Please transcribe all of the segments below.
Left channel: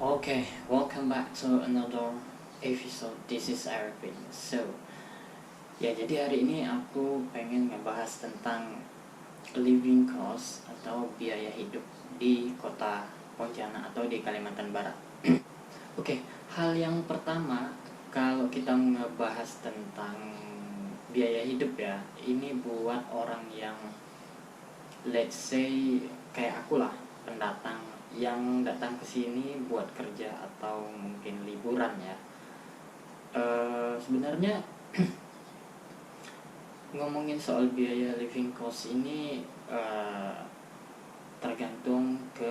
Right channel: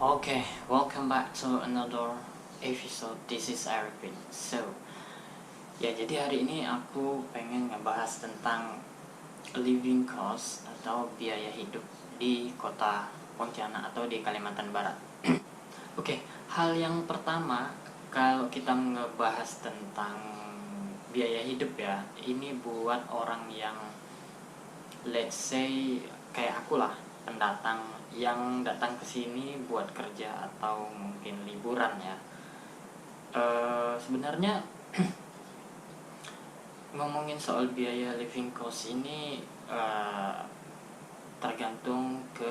Okay, welcome back to another episode. This is Arifin. So, ya jadi hari ini aku pengen ngebahas tentang living cost atau biaya hidup di kota Pontianak atau di Kalimantan Barat. Oke, hal yang pertama kalau kita ngebahas tentang biaya hidup ya, ini buat orang yang let's say kayak aku lah, pendatang yang datang ke sini buat kerja atau mungkin liburan ya. Sebenarnya ngomongin soal biaya living cost ini tergantung ke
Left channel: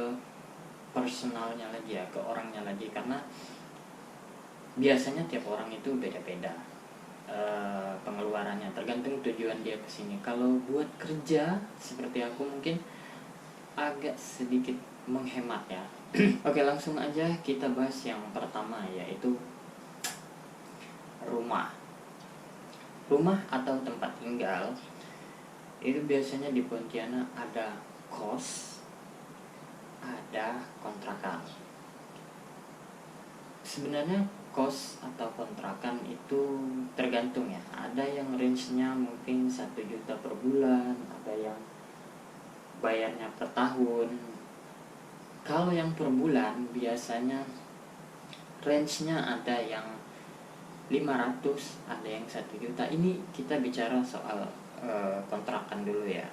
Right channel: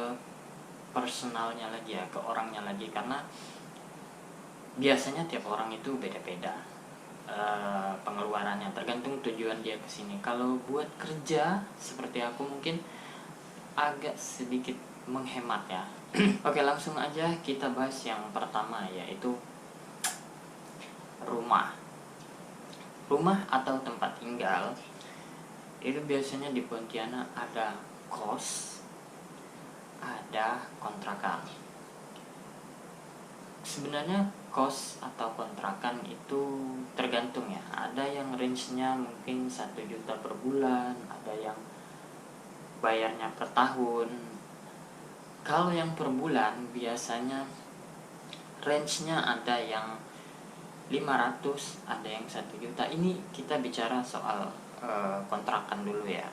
personalnya lagi ya, ke orangnya lagi, karena biasanya tiap orang itu beda-beda pengeluarannya, tergantung tujuan dia kesini. Kalau buat kerja seperti aku mungkin agak sedikit menghemat ya. Oke, langsung aja kita bahas yang pertama, yaitu rumah. Rumah atau tempat tinggal itu biasanya di Pontianak ada kos, ada kontrakan. Sebenarnya kos atau kontrakan itu tergantung ya. Ada yang range-nya mungkin 1 juta per bulan, ada yang bayarnya per tahun. Kalau yang per bulan biasanya range-nya ada yang 500, ada yang 1 juta. Ini kita bicara soal kontrakan dulu ya.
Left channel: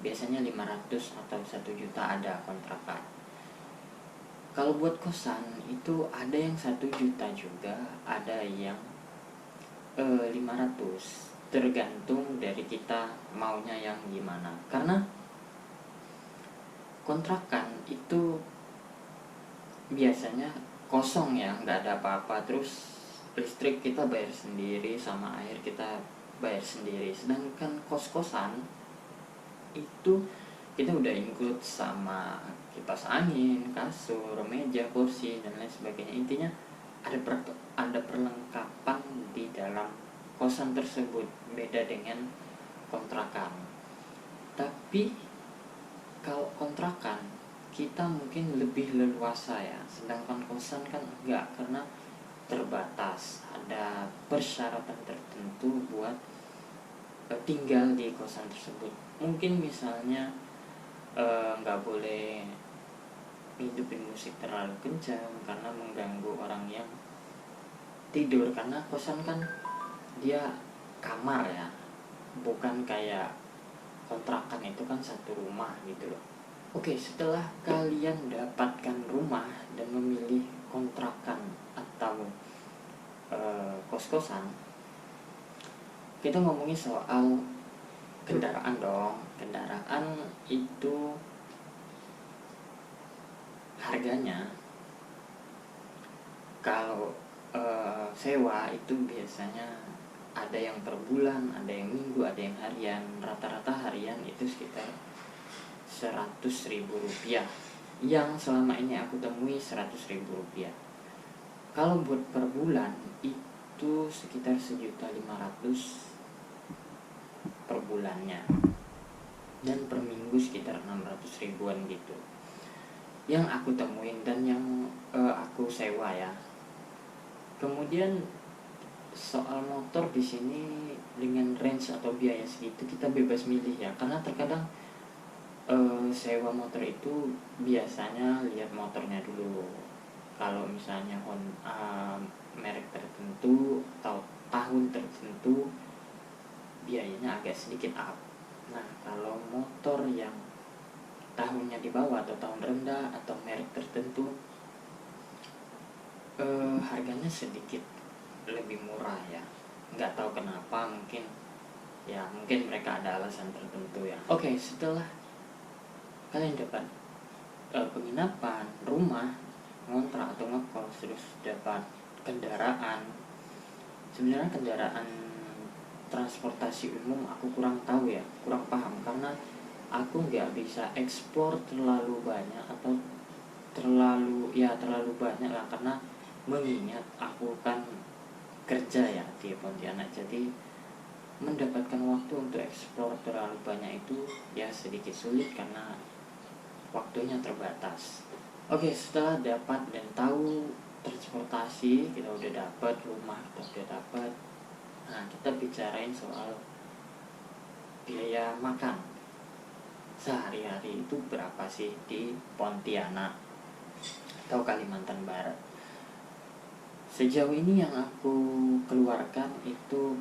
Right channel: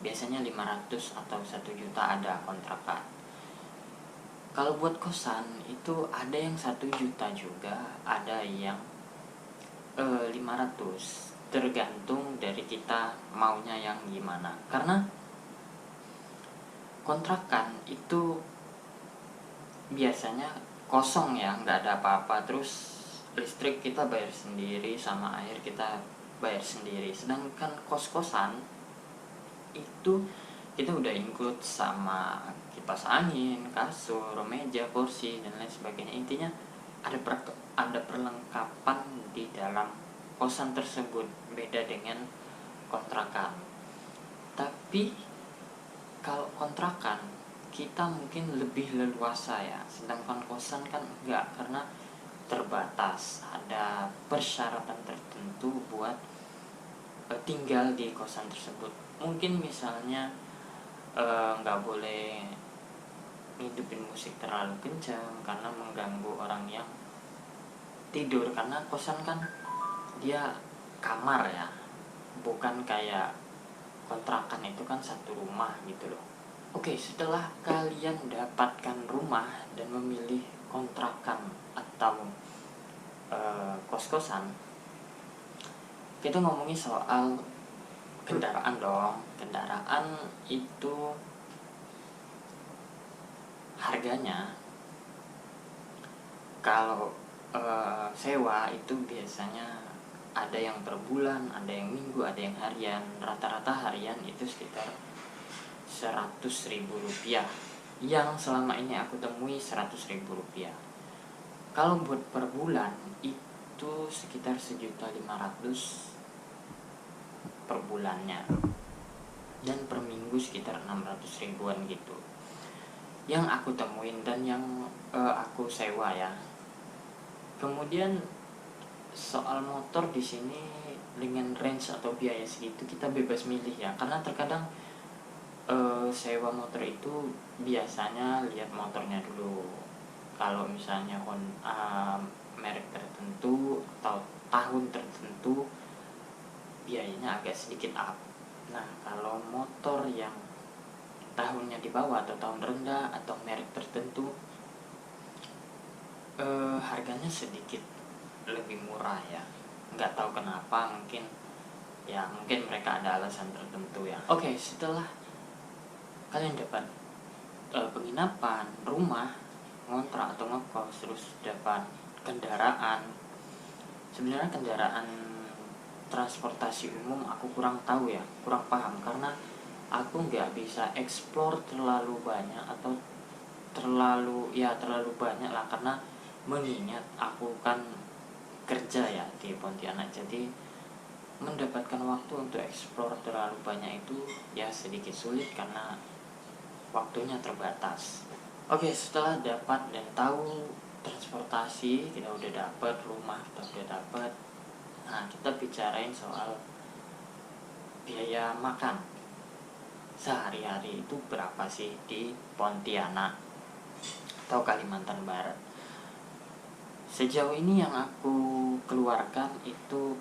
Biasanya 500 atau 1 juta ada kontrakan. Kalau buat kosan itu ada yang 1 juta juga, ada yang 500. Tergantung dari kita maunya yang gimana. Karena kontrakan itu biasanya kosong ya, nggak ada apa-apa. Terus listrik kita bayar sendiri, sama air kita bayar sendiri. Sedangkan kos-kosan itu kita udah include sama kipas angin, kasur, meja, kursi, dan lain sebagainya. Intinya ada perlengkapan di dalam kosan tersebut, beda dengan kontrakan. Tapi kalau kontrakan kita mungkin lebih leluasa ya, sedangkan kosan kan enggak, karena terbatas, ada persyaratan tertentu buat tinggal di kosan tersebut. Mungkin misalnya nggak boleh hidupin musik terlalu kencang karena mengganggu orang yang tidur, karena kosan kan dia kamar ya, bukan kayak kontrakan itu kan satu rumah gitu loh. Oke, setelah kalian dapatkan rumah dan memilih kontrakan atau kos-kosan, kita ngomongin soal kendaraan dong. Kendaraan itu harganya kalau sewa itu biasanya ada yang per bulan, ada yang minggu, ada yang harian. Rata-rata harian itu sekitar 100.000 rupiah. Yang selama ini aku temui 100.000 rupiah. Kalau buat per bulan itu sekitar 1.500.000 per bulannya, dan per minggu sekitar 600 ribuan gitu yang aku temuin dan yang aku sewa ya. Kemudian soal motor di sini dengan range atau biaya segitu kita bebas milih ya, karena terkadang sewa motor itu biasanya lihat motornya dulu. Kalau misalnya merek tertentu atau tahun tertentu biayanya agak sedikit up. Nah, kalau motor yang tahunnya di bawah atau tahun rendah atau merek tertentu, harganya sedikit lebih murah ya. Nggak tahu kenapa, mungkin mereka ada alasan tertentu ya. Oke, setelah kalian dapat penginapan, rumah, ngontrak atau ngekos, terus dapat kendaraan. Sebenarnya kendaraan transportasi umum aku kurang tahu ya, kurang paham, karena aku nggak bisa explore terlalu banyak atau terlalu banyak lah, karena mengingat aku kan kerja ya di Pontianak, jadi mendapatkan waktu untuk explore terlalu banyak itu ya sedikit sulit karena waktunya terbatas. Oke, setelah dapat dan tahu transportasi, kita udah dapat rumah, kita udah dapat. Nah, kita bicarain soal biaya makan sehari-hari itu berapa sih di Pontianak atau Kalimantan Barat. Sejauh ini yang aku keluarkan itu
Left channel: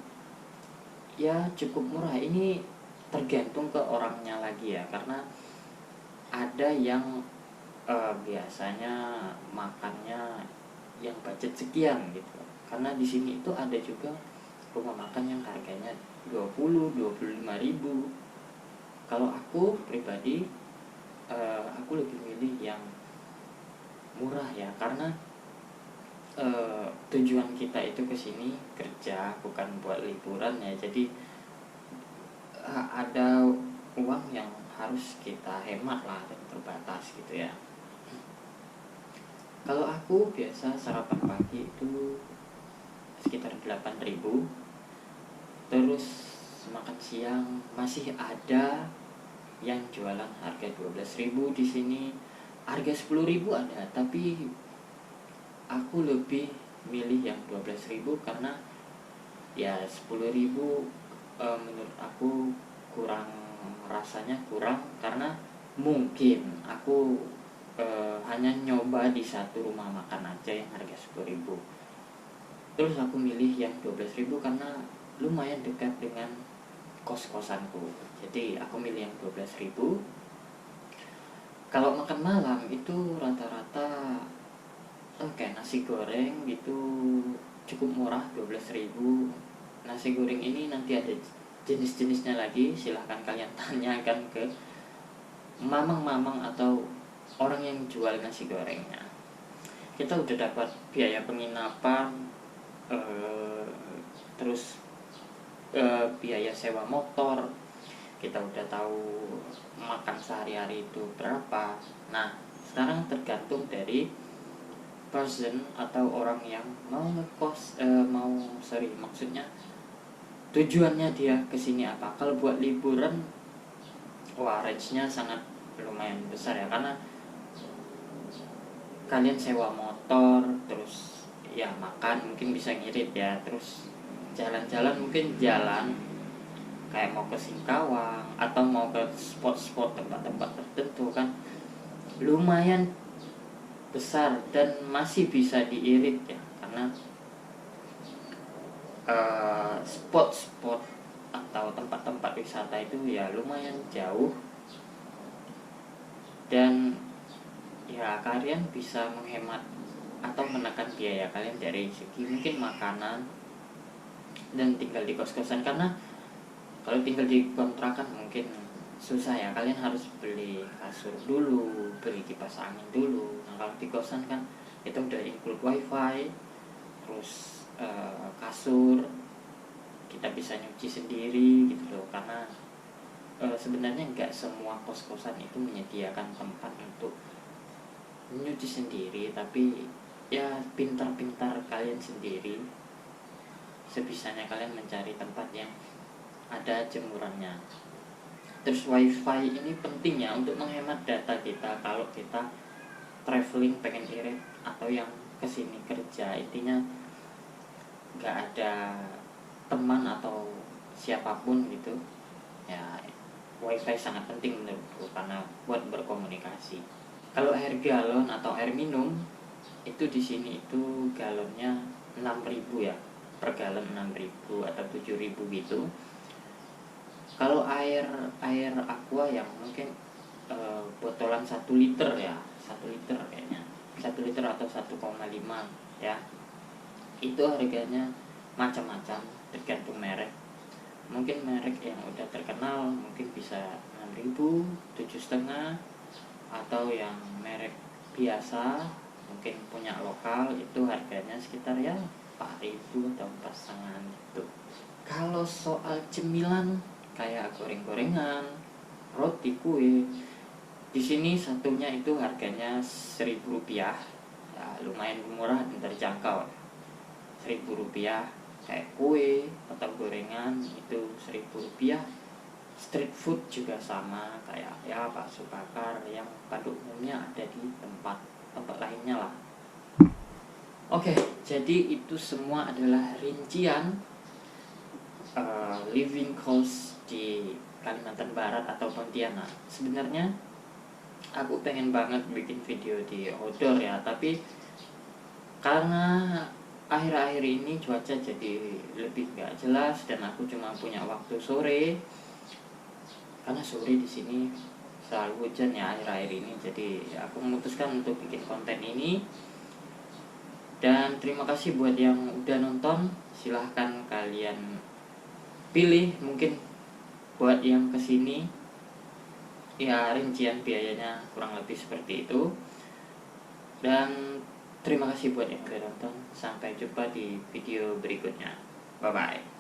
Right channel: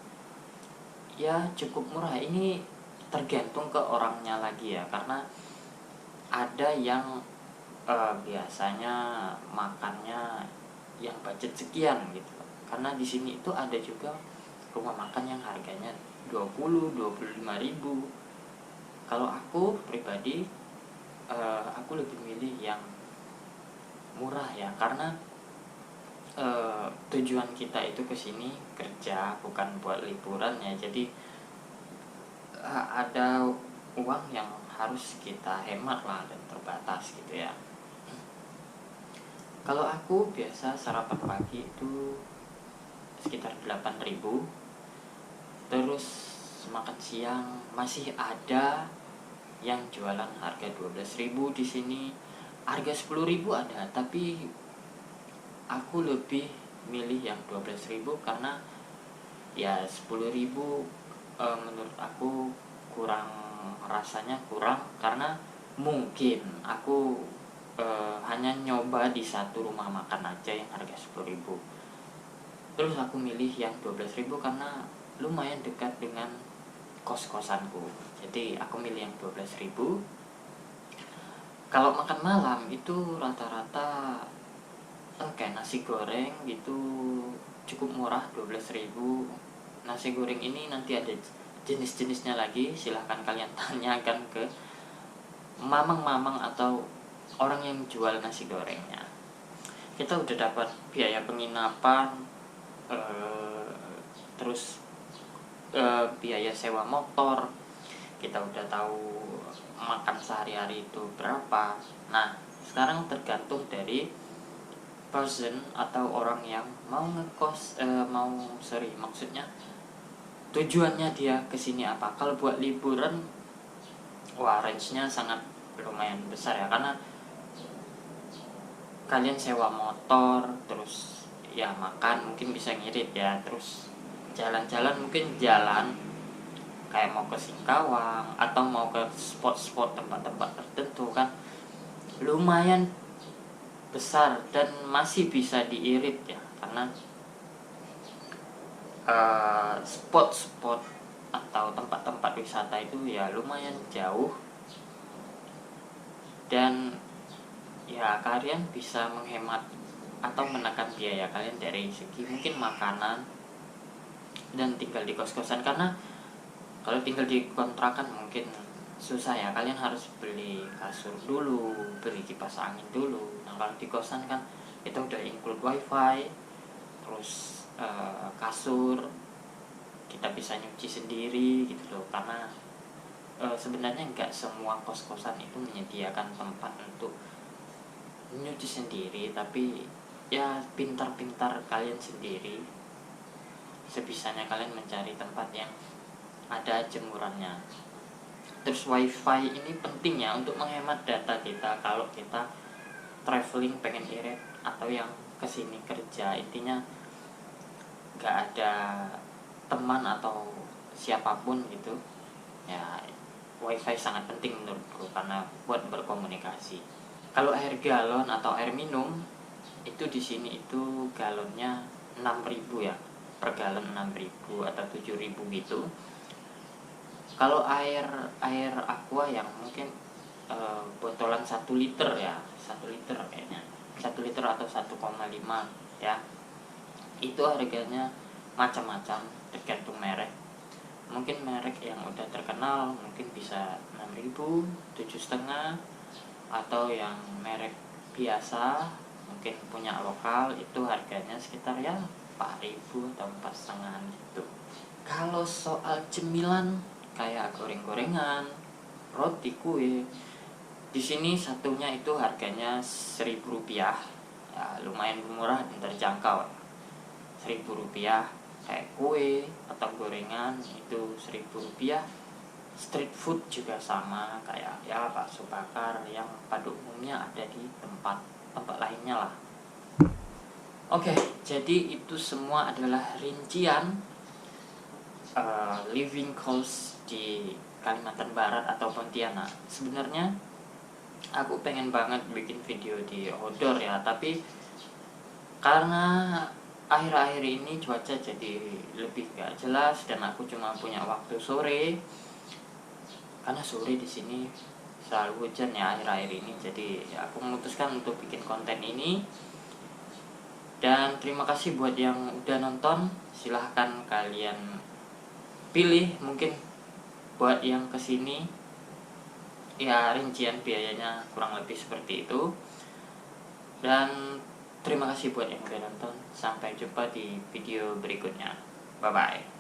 ya cukup murah. Ini tergantung ke orangnya lagi ya, karena ada yang biasanya makannya yang budget sekian gitu loh. Karena di sini itu ada juga rumah makan yang harganya 20-25 ribu. Kalau aku pribadi aku lebih milih yang murah ya, karena tujuan kita itu ke sini kerja, bukan buat liburan ya. Jadi ada uang yang harus kita hemat lah dan terbatas gitu ya. Kalau aku biasa sarapan pagi itu sekitar 8 ribu. Terus makan siang masih ada yang jualan harga 12 ribu di sini. Harga 10 ribu ada, tapi aku lebih milih yang 12 ribu karena ya 10 ribu menurut aku kurang, rasanya kurang, karena mungkin aku hanya nyoba di satu rumah makan aja yang harga 10 ribu. Terus aku milih yang 12 ribu karena lumayan dekat dengan kos-kosanku. Jadi aku milih yang 12 ribu. Kalau makan malam itu rata-rata kayak nasi goreng gitu cukup murah, 12 ribu. Nasi goreng ini nanti ada jenis-jenisnya lagi, silahkan kalian tanyakan ke mamang-mamang atau orang yang jual nasi gorengnya. Kita udah dapat biaya penginapan, terus biaya sewa motor, kita udah tahu makan sehari-hari itu berapa. Nah, sekarang tergantung dari person atau orang yang mau ngekos, maksudnya tujuannya dia kesini apa. Kalau buat liburan, wah range-nya sangat lumayan besar ya, karena kalian sewa motor, terus ya makan mungkin bisa ngirit ya, terus jalan-jalan mungkin jalan kayak mau ke Singkawang atau mau ke spot-spot tempat-tempat tertentu kan lumayan besar dan masih bisa diirit ya, karena spot-spot atau tempat-tempat wisata itu ya lumayan jauh, dan ya kalian bisa menghemat atau menekan biaya kalian dari segi mungkin makanan dan tinggal di kos-kosan. Karena kalau tinggal di kontrakan mungkin susah ya, kalian harus beli kasur dulu, beli kipas angin dulu. Nah kalau di kosan kan kita udah include wifi, terus kasur, kita bisa nyuci sendiri gitu loh. Karena sebenarnya nggak semua kos-kosan itu menyediakan tempat untuk nyuci sendiri, tapi ya pintar-pintar kalian sendiri, sebisanya kalian mencari tempat yang ada jemurannya. Terus wifi ini penting ya untuk menghemat data kita kalau kita traveling pengen irit atau yang kesini kerja. Intinya nggak ada teman atau siapapun gitu ya, wifi sangat penting menurutku karena buat berkomunikasi. Kalau air galon atau air minum itu di sini itu galonnya 6 ribu ya, per galon 6 ribu atau 7 ribu gitu. Kalau air aqua yang mungkin botolan 1 liter ya, 1 liter kayaknya, 1 liter atau 1,5 ya, itu harganya macam-macam tergantung merek. Mungkin merek yang udah terkenal mungkin bisa 6 ribu, 7,5, atau yang merek biasa mungkin punya lokal itu harganya sekitar ya 4 ribu atau 4,5 gitu. Kalau soal cemilan kayak goreng-gorengan, roti, kue, di sini satunya itu harganya 1.000 rupiah, ya, lumayan murah dan terjangkau ya. 1.000 rupiah kayak kue atau gorengan itu 1.000 rupiah. Street food juga sama kayak ya bakso bakar yang pada umumnya ada di tempat Oke, jadi itu semua adalah rincian living cost di Kalimantan Barat atau Pontianak. Sebenarnya aku pengen banget bikin video di outdoor ya, tapi karena akhir-akhir ini cuaca jadi lebih gak jelas dan aku cuma punya waktu sore, karena sore di sini selalu hujan ya akhir-akhir ini. Jadi aku memutuskan untuk bikin konten ini. Dan terima kasih buat yang udah nonton. Silahkan kalian pilih, mungkin buat yang kesini ya rincian biayanya kurang lebih seperti itu. Dan terima kasih buat yang udah nonton. Sampai jumpa di video berikutnya. Bye bye.